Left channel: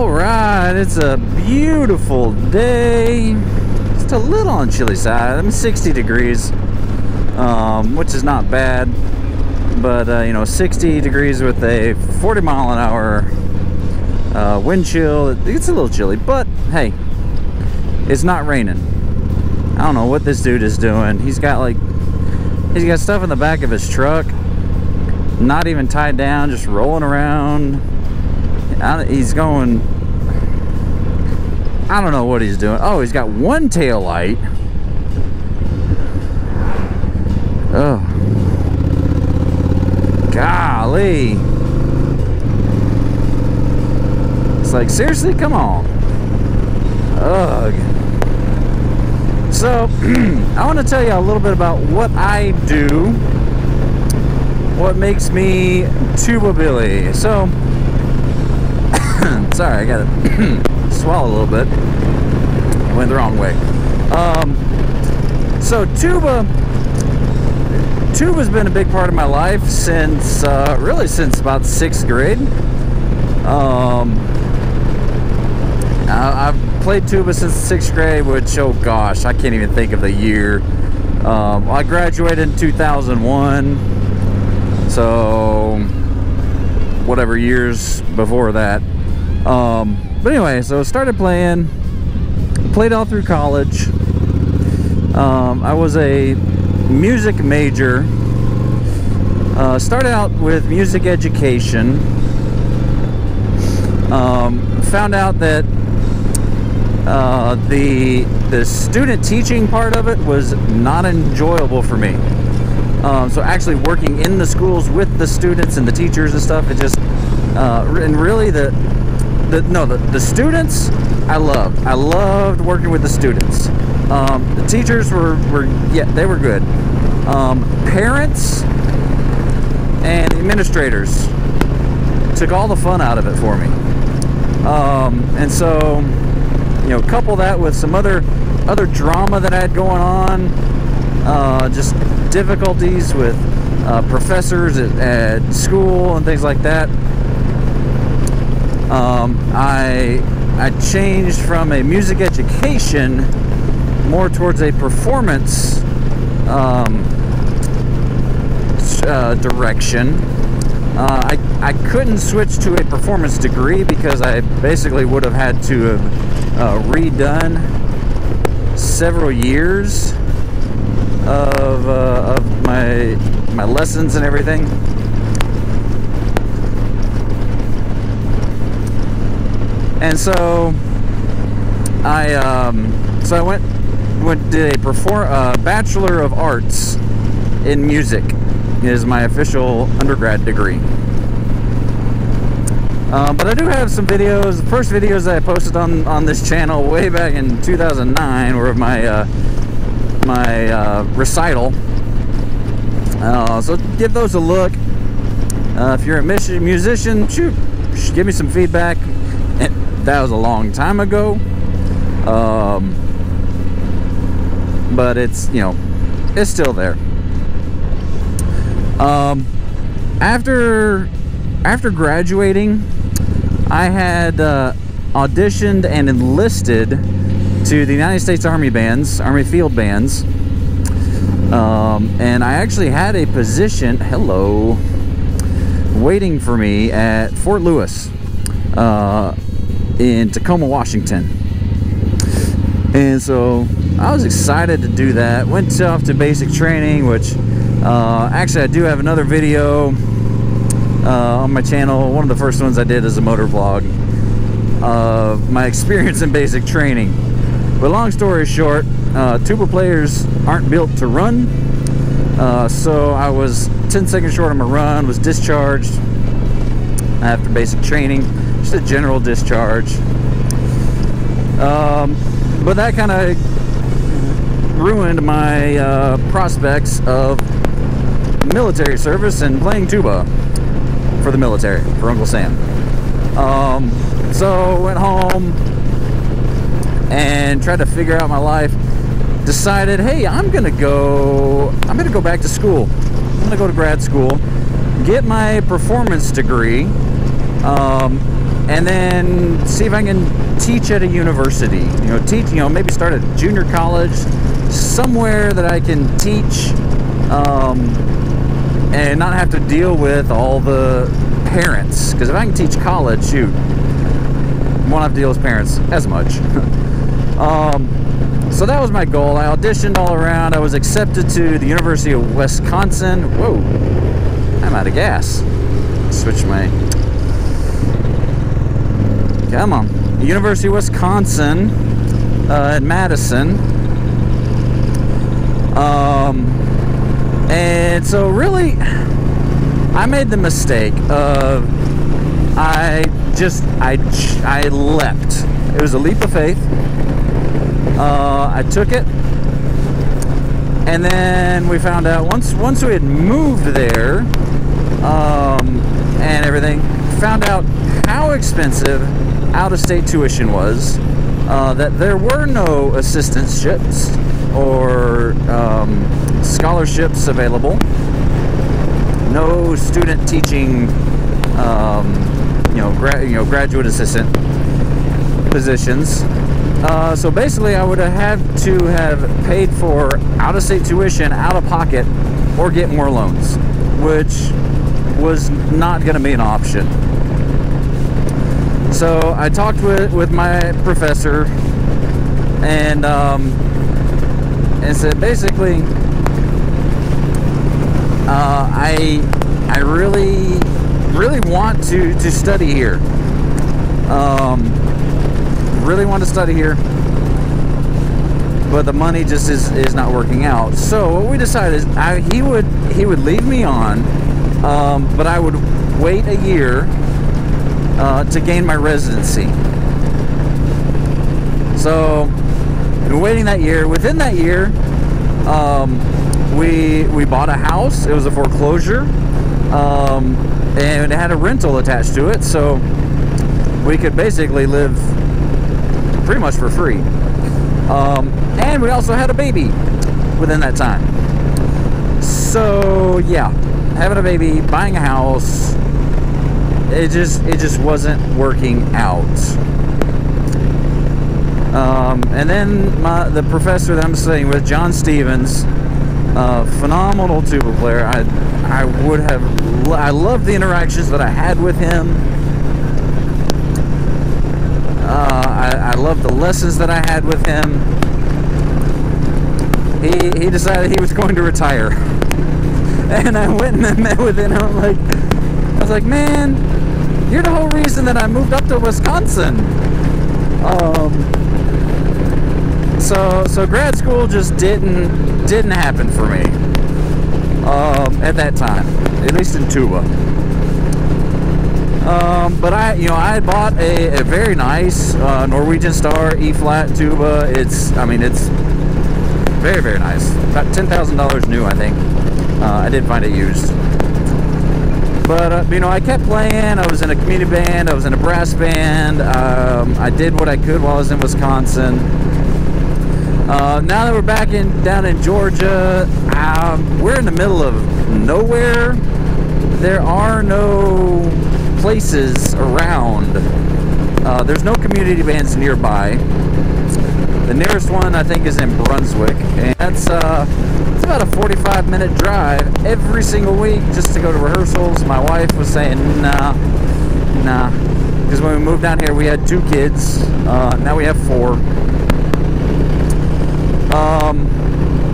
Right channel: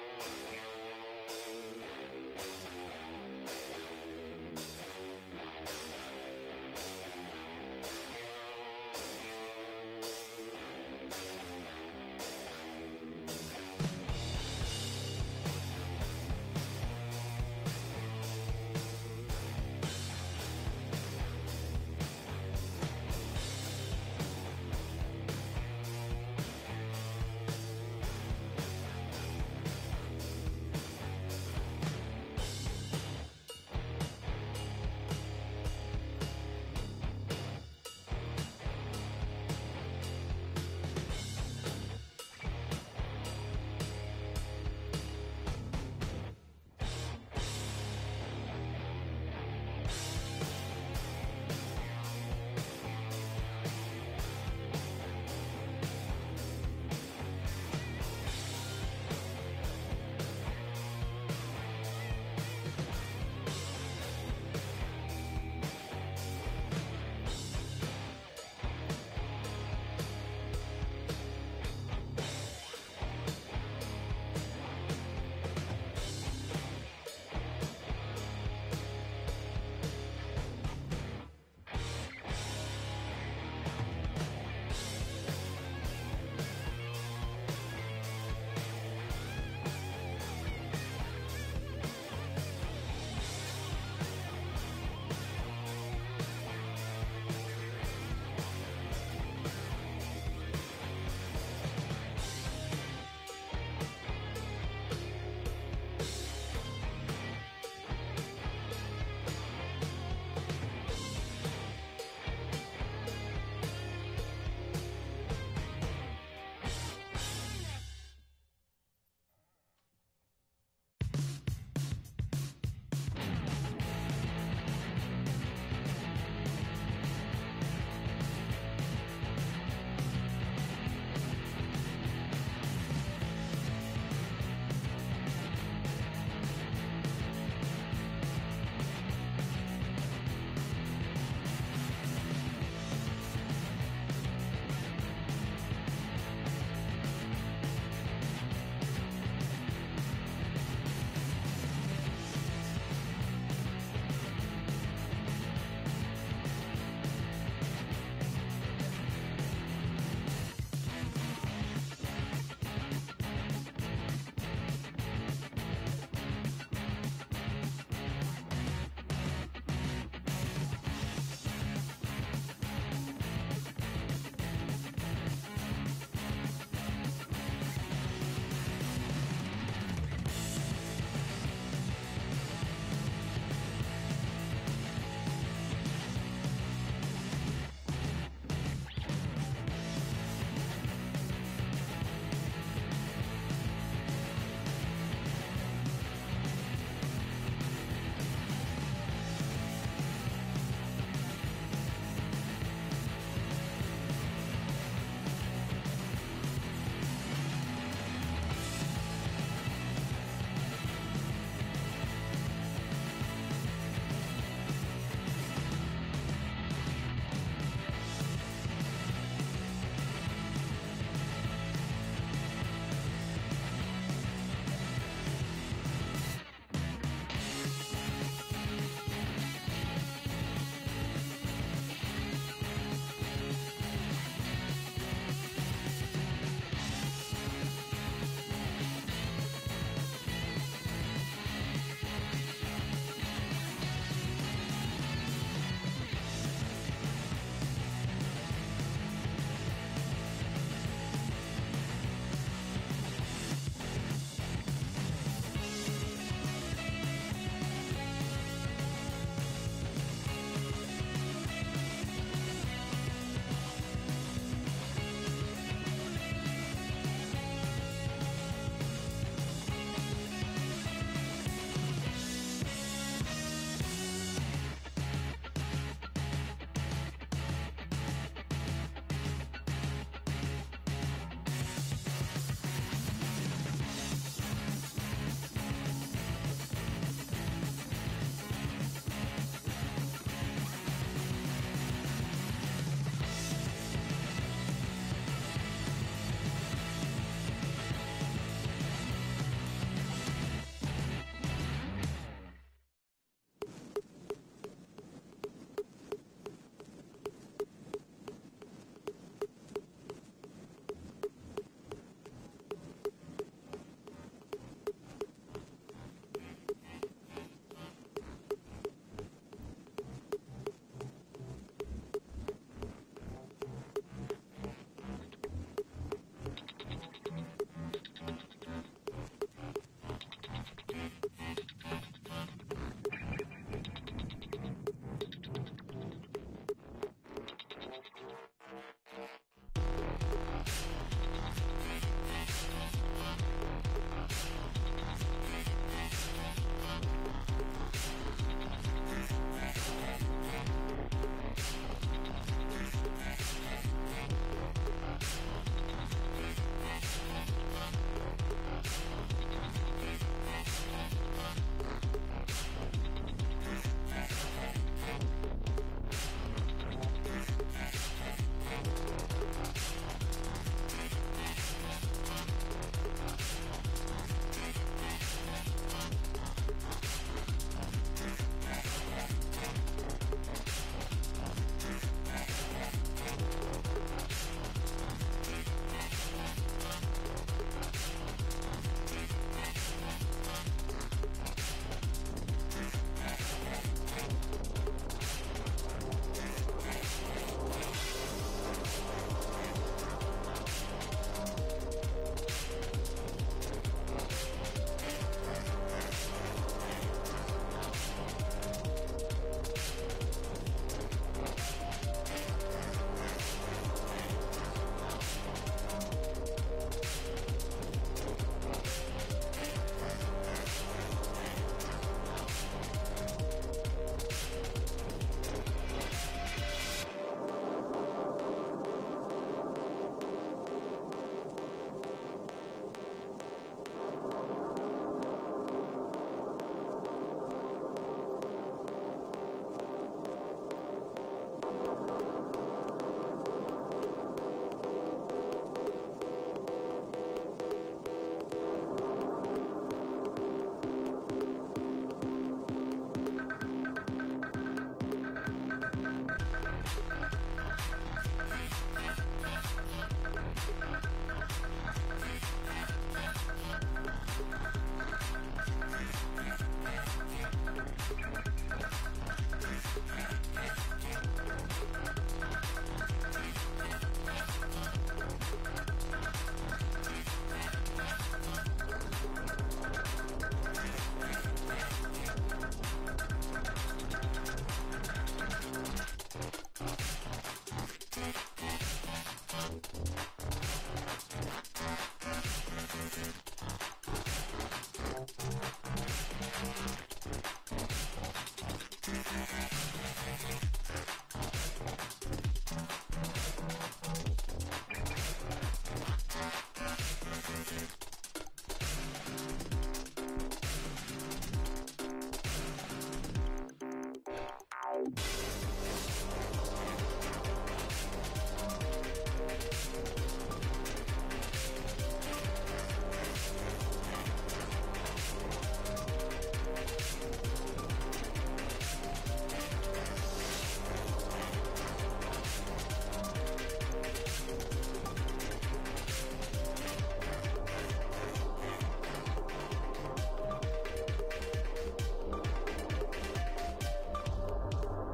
Alright, it's a beautiful day. Just a little on the chilly side. I'm 60 degrees, which is not bad. But, you know, 60 degrees with a 40 mile an hour wind chill. It's a little chilly, but hey, it's not raining. I don't know what this dude is doing. He's got stuff in the back of his truck, not even tied down, just rolling around. He's going, I don't know what he's doing. Oh, he's got one tail light. Oh, golly. It's like, seriously, come on. Ugh. So, I want to tell you a little bit about what I do, what makes me Tuba Billy. So, sorry, I gotta swallow a little bit. Went the wrong way. So tuba's been a big part of my life since really since about 6th grade. I've played tuba since 6th grade, which, oh gosh, I can't even think of the year. I graduated in 2001, so whatever years before that. But anyway, so started played all through college. I was a music major. Started out with music education. Found out that the student teaching part of it was not enjoyable for me. So actually working in the schools with the students and the teachers and stuff, it just and really the students I loved. I loved working with the students. The teachers were yeah, they were good. Parents and administrators took all the fun out of it for me. And so, you know, couple that with some other drama that I had going on, just difficulties with professors at school and things like that. I changed from a music education more towards a performance direction. I couldn't switch to a performance degree because I basically would have had to have redone several years of my lessons and everything. And so I did a Bachelor of Arts in Music is my official undergrad degree. But I do have some videos. The first videos that I posted on this channel way back in 2009 were of my recital. So give those a look. If you're a musician, shoot, give me some feedback. That was a long time ago, but it's, you know, it's still there. After graduating, I had auditioned and enlisted to the United States Army Bands, Army Field Bands, and I actually had a position, waiting for me at Fort Lewis, in Tacoma, Washington. And so I was excited to do that. Went off to basic training, which actually I do have another video on my channel. One of the first ones I did is a motor vlog of my experience in basic training. But long story short, tuba players aren't built to run, so I was 10 seconds short on my run, was discharged after basic training. Just a general discharge. But that kind of ruined my prospects of military service and playing tuba for the military, for Uncle Sam. So went home and tried to figure out my life. Decided, hey, I'm gonna go back to school. I'm gonna go to grad school, get my performance degree, and then see if I can teach at a university. Maybe start a junior college somewhere that I can teach, and not have to deal with all the parents. Because if I can teach college, shoot, won't have to deal with parents as much. So that was my goal. I auditioned all around. I was accepted to the University of Wisconsin. Whoa, I'm out of gas. Switch my... Come on. The University of Wisconsin in Madison. And so really, I made the mistake of I leapt. It was a leap of faith. I took it, and then we found out once we had moved there, and everything, found out how expensive out-of-state tuition was. That there were no assistantships or scholarships available. No student teaching, graduate assistant positions. So basically, I would have had to have paid for out-of-state tuition out of pocket, or get more loans, which was not going to be an option. So I talked with my professor, and said basically, I really want to study here. Really want to study here, but the money just is not working out. So what we decided is he would lead me on, but I would wait a year to gain my residency. So waiting that year. Within that year, we bought a house. It was a foreclosure, and it had a rental attached to it, so we could basically live pretty much for free. And we also had a baby within that time. So yeah, having a baby, buying a house, it just wasn't working out. And then the professor that I'm studying with, John Stevens, phenomenal tuba player. I loved the interactions that I had with him. I loved the lessons that I had with him. He decided he was going to retire, and I went and met with him. I was like, man, you're the whole reason that I moved up to Wisconsin. So grad school just didn't happen for me at that time, at least in tuba. But I bought a very nice Norwegian Star E-flat tuba. It's very, very nice. About $10,000 new, I think. I did find it used. But I kept playing. I was in a community band. I was in a brass band. I did what I could while I was in Wisconsin. Now that we're back down in Georgia, we're in the middle of nowhere. There are no places around. There's no community bands nearby. The nearest one, I think, is in Brunswick, and it's about a 45-minute drive every single week just to go to rehearsals. My wife was saying, nah, because when we moved down here, we had 2 kids. Now we have 4.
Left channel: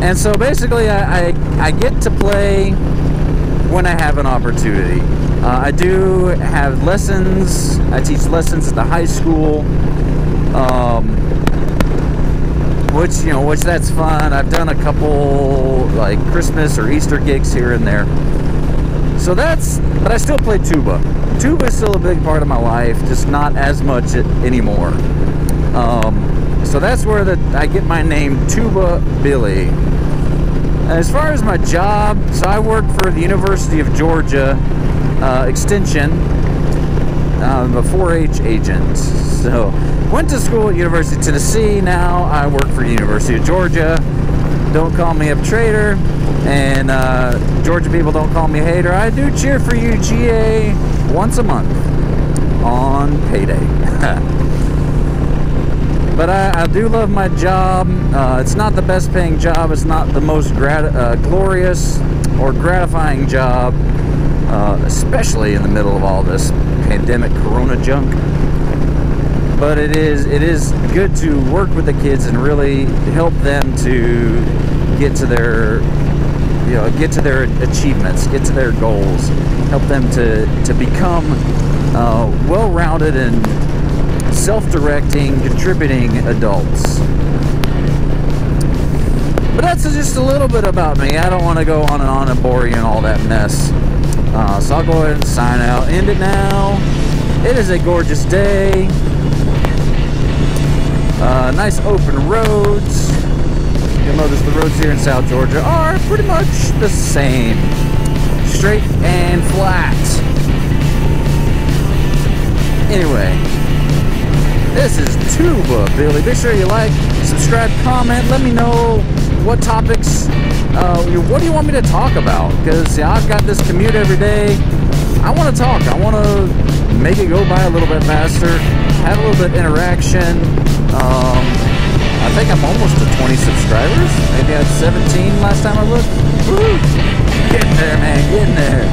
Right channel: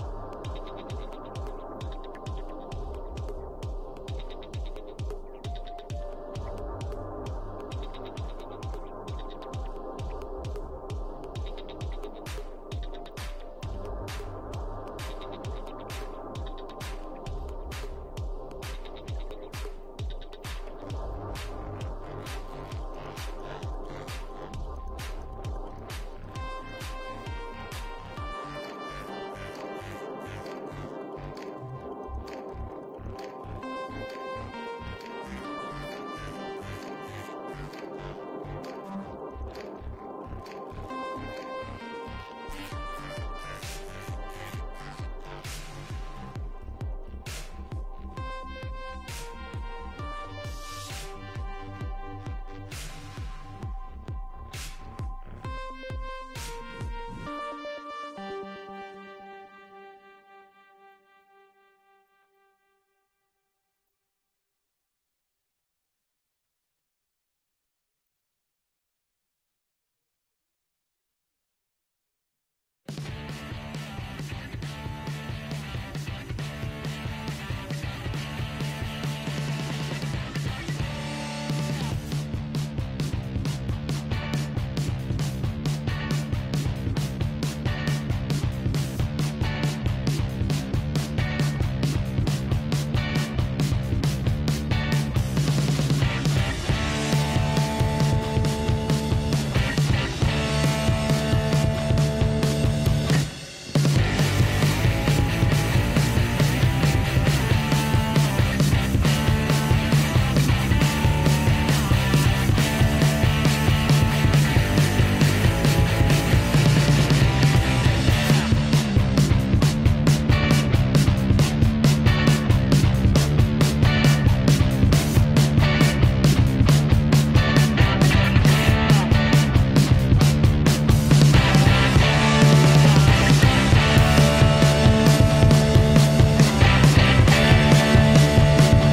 And so basically, I get to play when I have an opportunity. I do have lessons. I teach lessons at the high school, which that's fun. I've done a couple like Christmas or Easter gigs here and there. So but I still play tuba. Tuba is still a big part of my life, just not as much anymore. So that's where I get my name, Tuba Billy. As far as my job, so I work for the University of Georgia Extension. I'm a 4-H agent. So went to school at University of Tennessee. Now I work for the University of Georgia. Don't call me a traitor, and Georgia people don't call me a hater. I do cheer for UGA once a month. on payday. But I do love my job. It's not the best paying job. It's not the most glorious or gratifying job, especially in the middle of all this pandemic corona junk. But it is good to work with the kids and really help them to get to their achievements, get to their goals, help them to become well-rounded and self-directing, contributing adults. But that's just a little bit about me. I don't want to go on and bore you and all that mess. So I'll go ahead and sign out. End it now. It is a gorgeous day. Nice open roads. You'll notice the roads here in South Georgia are pretty much the same. Straight and flat. Anyway, this is Tuba Billy. Make sure you like, subscribe, comment. Let me know what topics, what do you want me to talk about? Because I've got this commute every day. I want to talk. I want to make it go by a little bit faster, have a little bit of interaction. I think I'm almost to 20 subscribers. Maybe I had 17 last time I looked. Woo! Getting there, man. Getting there.